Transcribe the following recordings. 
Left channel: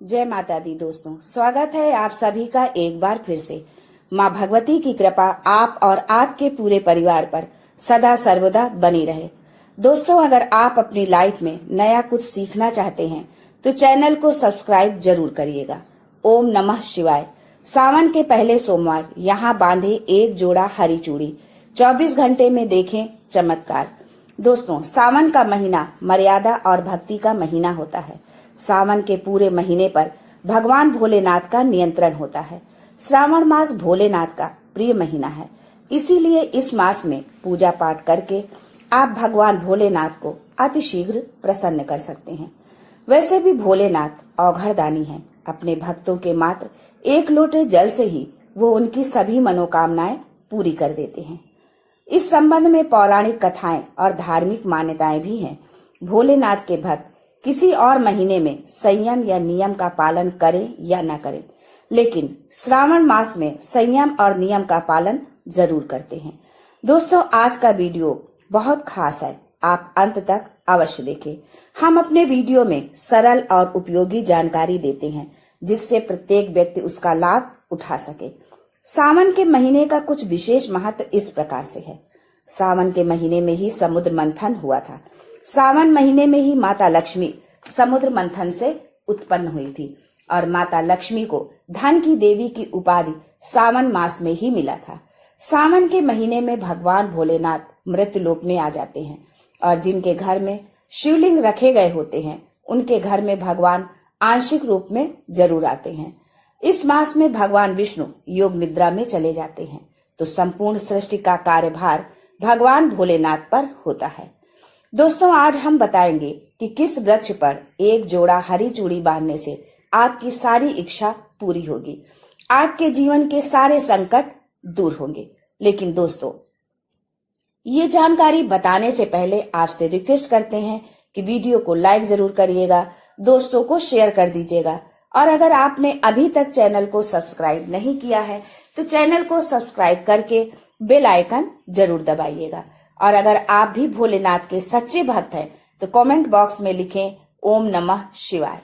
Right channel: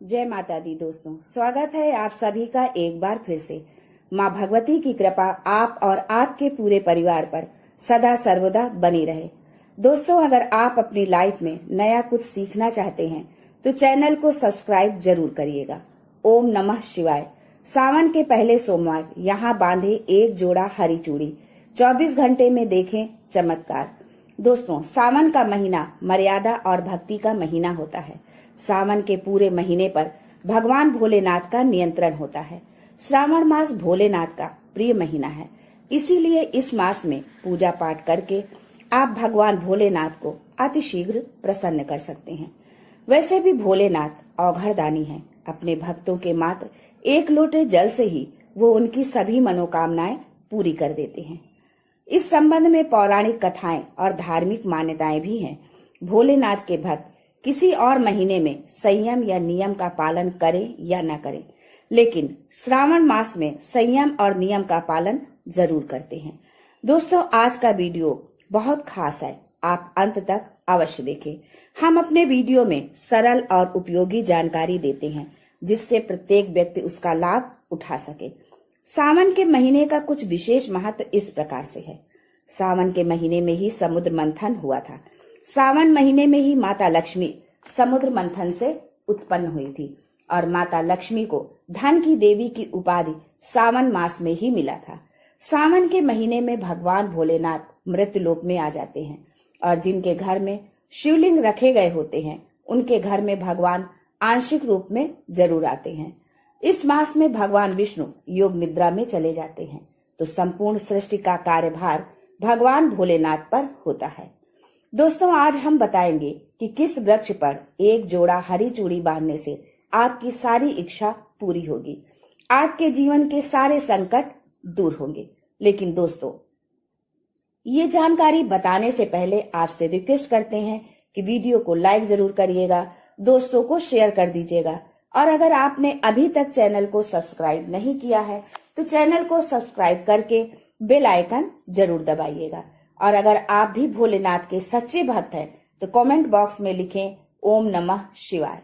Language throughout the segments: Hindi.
जय माता दी दोस्तों, स्वागत है आप सभी का एक बार फिर से। माँ भगवती की कृपा आप और आपके पूरे परिवार पर सदा सर्वदा बनी रहे। दोस्तों, अगर आप अपनी लाइफ में नया कुछ सीखना चाहते हैं तो चैनल को सब्सक्राइब जरूर करिएगा। ओम नमः शिवाय। सावन के पहले सोमवार यहाँ बांधे एक जोड़ा हरी चूड़ी, 24 घंटे में देखें चमत्कार। दोस्तों, सावन का महीना मर्यादा और भक्ति का महीना होता है। सावन के पूरे महीने पर भगवान भोलेनाथ का नियंत्रण होता है। श्रावण मास भोलेनाथ का प्रिय महीना है, इसीलिए इस मास में पूजा पाठ करके आप भगवान भोलेनाथ को अतिशीघ्र प्रसन्न कर सकते हैं। वैसे भी भोलेनाथ औघड़दानी हैं। अपने भक्तों के मात्र एक लोटे जल से ही वो उनकी सभी मनोकामनाएं पूरी कर देते हैं। इस संबंध में पौराणिक कथाएं और धार्मिक मान्यताएं भी हैं। भोलेनाथ के भक्त किसी और महीने में संयम या नियम का पालन करें या न करें, लेकिन श्रावण मास में संयम और नियम का पालन जरूर करते हैं। दोस्तों, आज का वीडियो बहुत खास है, आप अंत तक अवश्य देखें। हम अपने वीडियो में सरल और उपयोगी जानकारी देते हैं जिससे प्रत्येक व्यक्ति उसका लाभ उठा सके। सावन के महीने का कुछ विशेष महत्व इस प्रकार से है। सावन के महीने में ही समुद्र मंथन हुआ था। सावन महीने में ही माता लक्ष्मी समुद्र मंथन से उत्पन्न हुई थी और माता लक्ष्मी को धन की देवी की उपाधि सावन मास में ही मिला था। सावन के महीने में भगवान भोलेनाथ मृत्युलोक में आ जाते हैं और जिनके घर में शिवलिंग रखे गए होते हैं उनके घर में भगवान आंशिक रूप में जरूर आते हैं। इस मास में भगवान विष्णु योग निद्रा में चले जाते हैं, तो संपूर्ण सृष्टि का कार्यभार भगवान भोलेनाथ पर होता है। दोस्तों, आज हम बताएंगे कि किस वृक्ष पर एक जोड़ा हरी चूड़ी बांधने से आपकी सारी इच्छा पूरी होगी, आपके जीवन के सारे संकट दूर होंगे। लेकिन दोस्तों, ये जानकारी बताने से पहले आपसे रिक्वेस्ट करते हैं कि वीडियो को लाइक जरूर करिएगा, दोस्तों को शेयर कर दीजिएगा और अगर आपने अभी तक चैनल को सब्सक्राइब नहीं किया है तो चैनल को सब्सक्राइब करके बेल आइकन जरूर दबाइएगा। और अगर आप भी भोलेनाथ के सच्चे भक्त हैं तो कमेंट बॉक्स में लिखें ओम नमः शिवाय।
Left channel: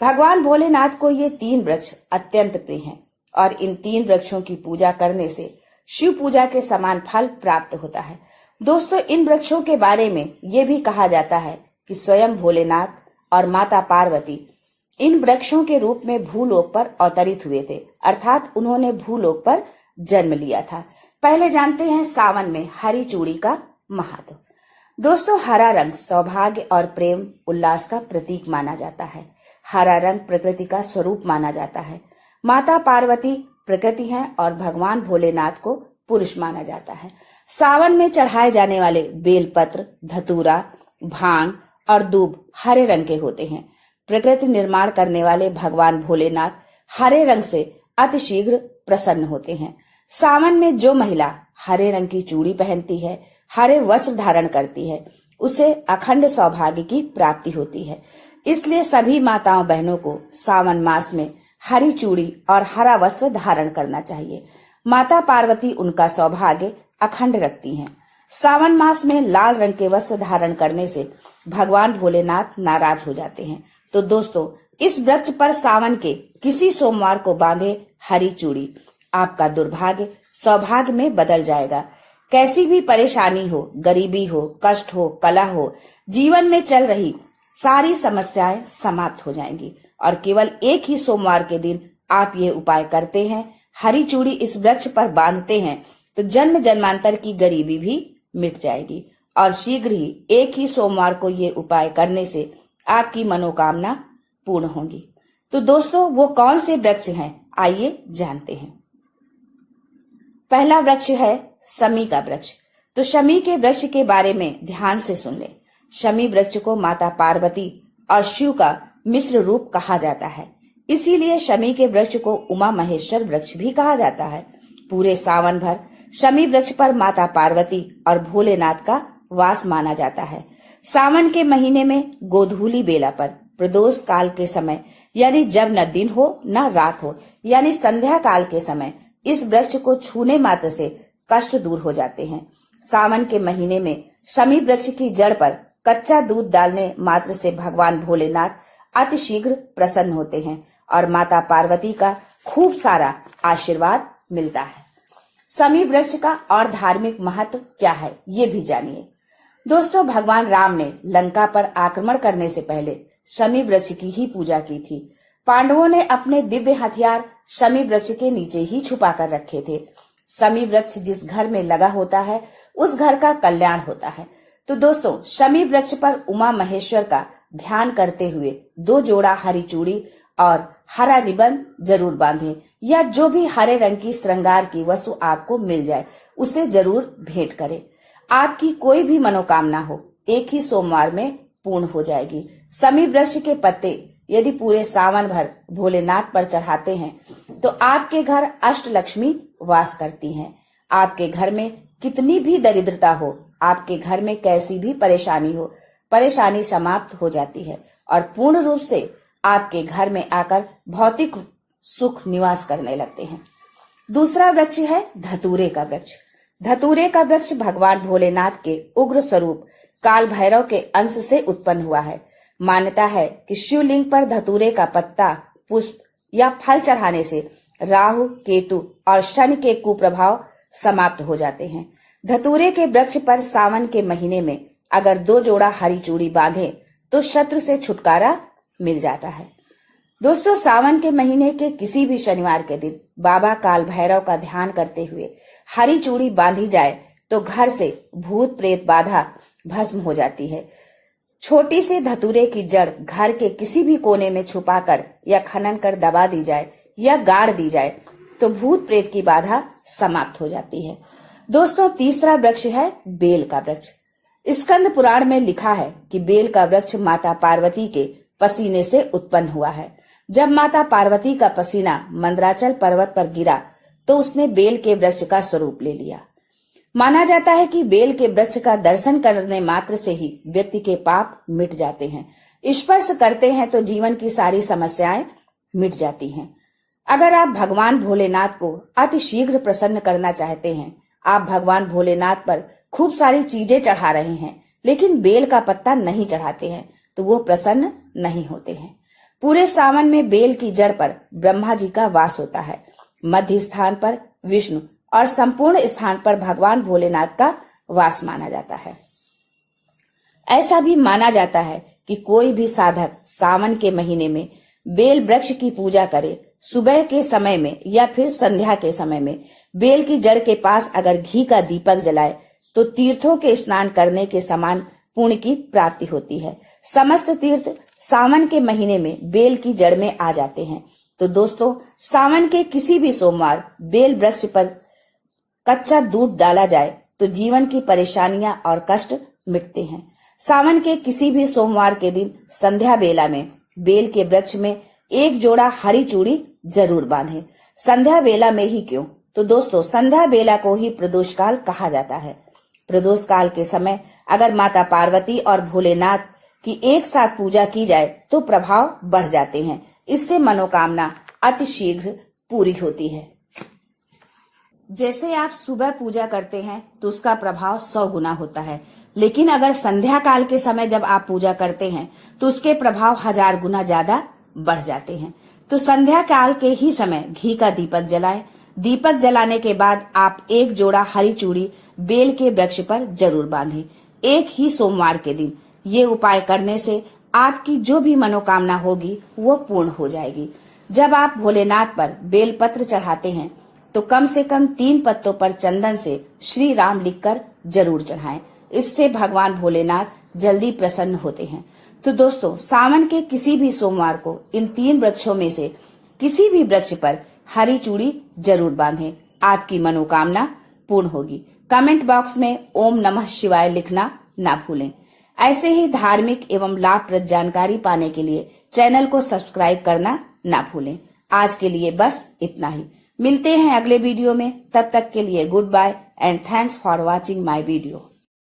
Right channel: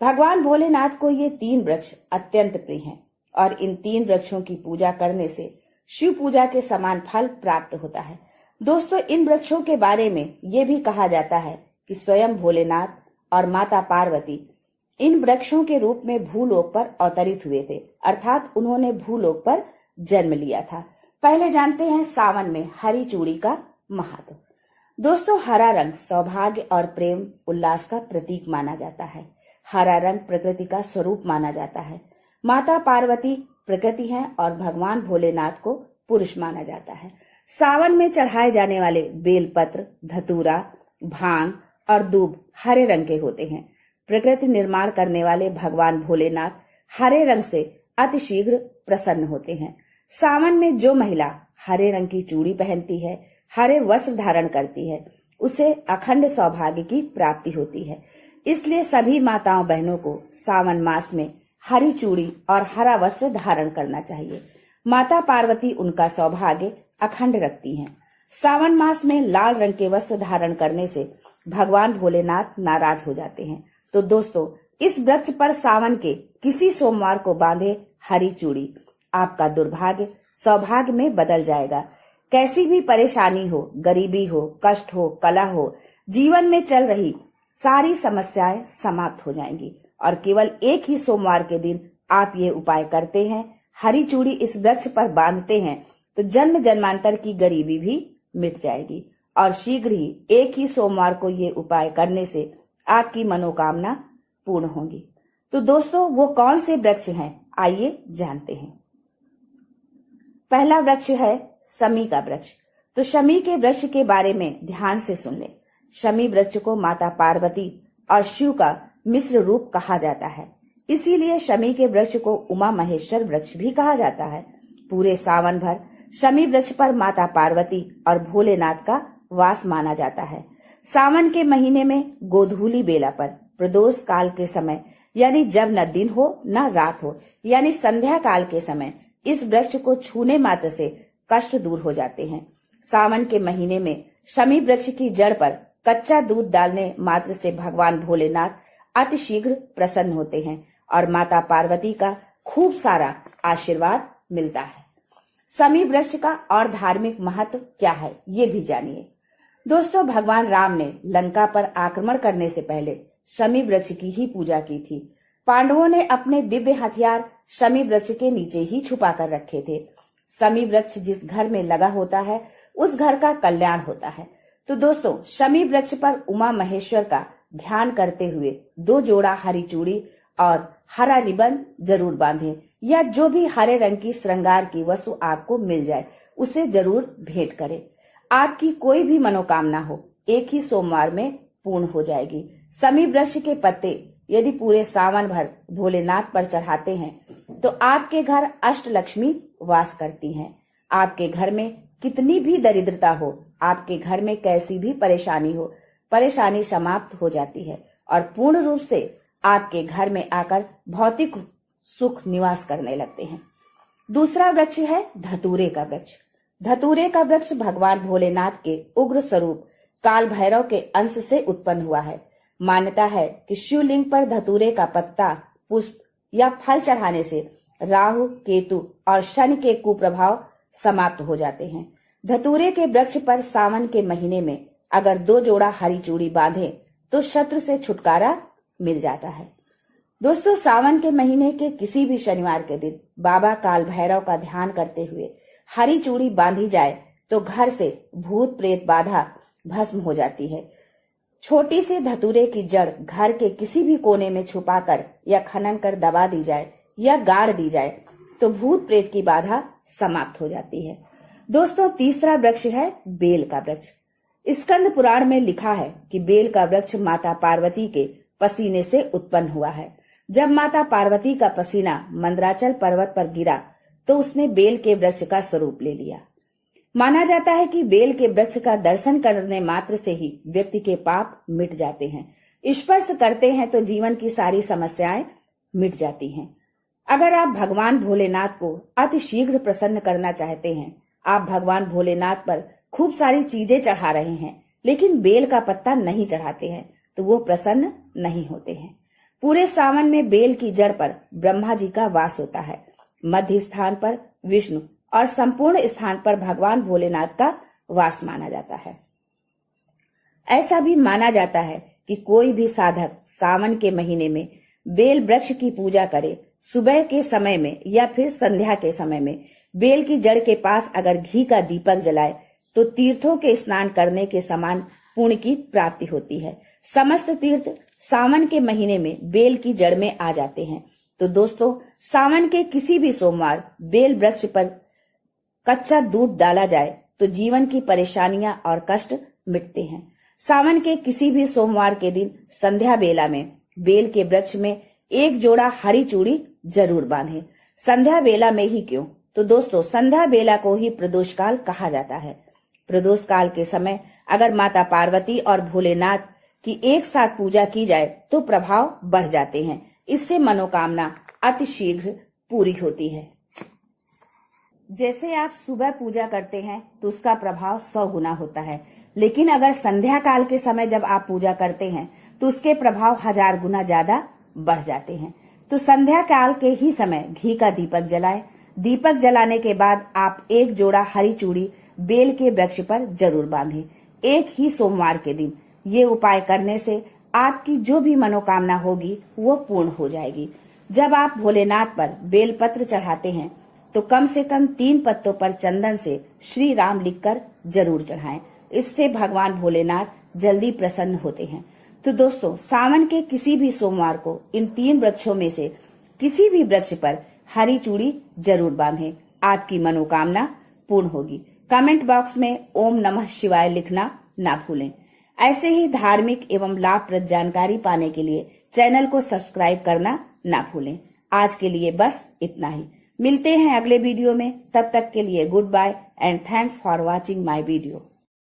भगवान भोलेनाथ को ये 3 वृक्ष अत्यंत प्रिय हैं और इन 3 वृक्षों की पूजा करने से शिव पूजा के समान फल प्राप्त होता है। दोस्तों, इन वृक्षों के बारे में ये भी कहा जाता है कि स्वयं भोलेनाथ और माता पार्वती इन वृक्षों के रूप में भूलोक पर अवतरित हुए थे, अर्थात उन्होंने भूलोक पर जन्म लिया था। पहले जानते हैं सावन में हरी चूड़ी का महत्व। दोस्तों, हरा रंग सौभाग्य और प्रेम उल्लास का प्रतीक माना जाता है। हरा रंग प्रकृति का स्वरूप माना जाता है। माता पार्वती प्रकृति हैं और भगवान भोलेनाथ को पुरुष माना जाता है। सावन में चढ़ाए जाने वाले बेलपत्र, धतूरा, भांग और दूब हरे रंग के होते हैं। प्रकृति निर्माण करने वाले भगवान भोलेनाथ हरे रंग से अतिशीघ्र प्रसन्न होते हैं। सावन में जो महिला हरे रंग की चूड़ी पहनती है, हरे वस्त्र धारण करती है, उसे अखंड सौभाग्य की प्राप्ति होती है। इसलिए सभी माताओं बहनों को सावन मास में हरी चूड़ी और हरा वस्त्र धारण करना चाहिए। माता पार्वती उनका सौभाग्य अखंड रखती हैं। सावन मास में लाल रंग के वस्त्र धारण करने से भगवान भोलेनाथ नाराज हो जाते हैं। तो दोस्तों, इस वृक्ष पर सावन के किसी सोमवार को बांधे हरी चूड़ी आपका दुर्भाग्य सौभाग्य में बदल जाएगा। कैसी भी परेशानी हो, गरीबी हो, कष्ट हो, कलह हो, जीवन में चल रही सारी समस्याएं समाप्त हो जाएंगी। और केवल एक ही सोमवार के दिन आप ये उपाय करते हैं, हरी चूड़ी इस वृक्ष पर बांधते हैं, तो जन्म जन्मांतर की गरीबी भी मिट जाएगी और शीघ्र ही एक ही सोमवार को ये उपाय करने से आपकी मनोकामना पूर्ण होगी। तो दोस्तों, वो कौन से वृक्ष हैं, आइए जानते हैं। पहला वृक्ष है शमी का वृक्ष। तो शमी के वृक्ष के बारे में ध्यान से सुन ले। शमी वृक्ष को माता पार्वती और शिव का मिश्र रूप कहा जाता है, इसीलिए शमी के वृक्ष को उमा महेश्वर वृक्ष भी कहा जाता है। पूरे सावन भर शमी वृक्ष पर माता पार्वती और भोलेनाथ का वास माना जाता है। सावन के महीने में गोधूली बेला पर प्रदोष काल के समय, यानी जब न दिन हो न रात हो, यानी संध्या काल के समय इस वृक्ष को छूने मात्र से कष्ट दूर हो जाते हैं। सावन के महीने में शमी वृक्ष की जड़ पर कच्चा दूध डालने मात्र से भगवान भोलेनाथ अतिशीघ्र प्रसन्न होते हैं और माता पार्वती का खूब सारा आशीर्वाद मिलता है। शमी वृक्ष का और धार्मिक महत्व क्या है, ये भी जानिए। दोस्तों, भगवान राम ने लंका पर आक्रमण करने से पहले शमी वृक्ष की ही पूजा की थी। पांडवों ने अपने दिव्य हथियार शमी वृक्ष के नीचे ही छुपा कर रखे थे। शमी वृक्ष जिस घर में लगा होता है उस घर का कल्याण होता है। तो दोस्तों, शमी वृक्ष पर उमा महेश्वर का ध्यान करते हुए 2 जोड़ा हरी चूड़ी और हरा रिबन जरूर बांधें, या जो भी हरे रंग की श्रृंगार की वस्तु आपको मिल जाए उसे जरूर भेंट करें। आपकी कोई भी मनोकामना हो एक ही सोमवार में पूर्ण हो जाएगी। शमी वृक्ष के पत्ते यदि पूरे सावन भर भोलेनाथ पर चढ़ाते हैं तो आपके घर अष्टलक्ष्मी वास करती हैं। आपके घर में कितनी भी दरिद्रता हो, आपके घर में कैसी भी परेशानी हो, परेशानी समाप्त हो जाती है और पूर्ण रूप से आपके घर में आकर भौतिक सुख निवास करने लगते हैं। दूसरा वृक्ष है धतूरे का वृक्ष। धतूरे का वृक्ष भगवान भोलेनाथ के उग्र स्वरूप काल भैरव के अंश से उत्पन्न हुआ है। मान्यता है कि शिवलिंग पर धतूरे का पत्ता, पुष्प या फल चढ़ाने से राहु, केतु और शनि के कुप्रभाव समाप्त हो जाते हैं। धतूरे के वृक्ष पर सावन के महीने में अगर 2 जोड़ा हरी चूड़ी बांधे तो शत्रु से छुटकारा मिल जाता है। दोस्तों, सावन के महीने के किसी भी शनिवार के दिन बाबा काल भैरव का ध्यान करते हुए हरी चूड़ी बांधी जाए तो घर से भूत प्रेत बाधा भस्म हो जाती है। छोटी सी धतूरे की जड़ घर के किसी भी कोने में छुपाकर या खनन कर दबा दी जाए या गाड़ दी जाए तो भूत प्रेत की बाधा समाप्त हो जाती है। दोस्तों, तीसरा वृक्ष है बेल का वृक्ष। स्कंद पुराण में लिखा है कि बेल का वृक्ष माता पार्वती के पसीने से उत्पन्न हुआ है। जब माता पार्वती का पसीना मंदराचल पर्वत पर गिरा तो उसने बेल के वृक्ष का स्वरूप ले लिया। माना जाता है कि बेल के वृक्ष का दर्शन करने मात्र से ही व्यक्ति के पाप मिट जाते हैं। स्पर्श करते हैं तो जीवन की सारी समस्याएं मिट जाती हैं। अगर आप भगवान भोलेनाथ को अति शीघ्र प्रसन्न करना चाहते हैं, आप भगवान भोलेनाथ पर खूब सारी चीजें चढ़ा रहे हैं लेकिन बेल का पत्ता नहीं चढ़ाते हैं तो वो प्रसन्न नहीं होते हैं। पूरे सावन में बेल की जड़ पर ब्रह्मा जी का वास होता है, मध्य स्थान पर विष्णु और संपूर्ण स्थान पर भगवान भोलेनाथ का वास माना जाता है। ऐसा भी माना जाता है कि कोई भी साधक सावन के महीने में बेल वृक्ष की पूजा करे, सुबह के समय में या फिर संध्या के समय में बेल की जड़ के पास अगर घी का दीपक जलाए तो तीर्थों के स्नान करने के समान पुण्य की प्राप्ति होती है। समस्त तीर्थ सावन के महीने में बेल की जड़ में आ जाते हैं। तो दोस्तों, सावन के किसी भी सोमवार बेल वृक्ष पर कच्चा दूध डाला जाए तो जीवन की परेशानियां और कष्ट मिटते हैं। सावन के किसी भी सोमवार के दिन संध्या बेला में बेल के वृक्ष में 1 जोड़ा हरी चूड़ी जरूर बांधें। संध्या बेला में ही क्यों? तो दोस्तों, संध्या बेला को ही प्रदोष काल कहा जाता है। प्रदोष काल के समय अगर माता पार्वती और भोलेनाथ की एक साथ पूजा की जाए तो प्रभाव बढ़ जाते हैं। इससे मनोकामना अति शीघ्र पूरी होती है। जैसे आप सुबह पूजा करते हैं तो उसका प्रभाव 100 गुना होता है, लेकिन अगर संध्या काल के समय जब आप पूजा करते हैं तो उसके प्रभाव 1000 गुना ज्यादा बढ़ जाते हैं। तो संध्या काल के ही समय घी का दीपक जलाएं। दीपक जलाने के बाद आप 1 जोड़ा हरी चूड़ी बेल के वृक्ष पर जरूर बांधें, एक ही सोमवार के दिन। ये उपाय करने से आपकी जो भी मनोकामना होगी वो पूर्ण हो जाएगी। जब आप भोलेनाथ पर बेल पत्र चढ़ाते हैं तो कम से कम 3 पत्तों पर चंदन से श्री राम लिखकर जरूर चढ़ाएं। इससे भगवान भोलेनाथ जल्दी प्रसन्न होते हैं। तो दोस्तों, सावन के किसी भी सोमवार को इन 3 वृक्षों में से किसी भी वृक्ष पर हरी चूड़ी जरूर बांधें, आपकी मनोकामना पूर्ण होगी। कमेंट बॉक्स में ओम नमः शिवाय लिखना ना भूलें। ऐसे ही धार्मिक एवं लाभप्रद जानकारी पाने के लिए चैनल को सब्सक्राइब करना ना भूलें। आज के लिए बस इतना ही। मिलते हैं अगले वीडियो में। तब तक के लिए goodbye and thanks for watching my video.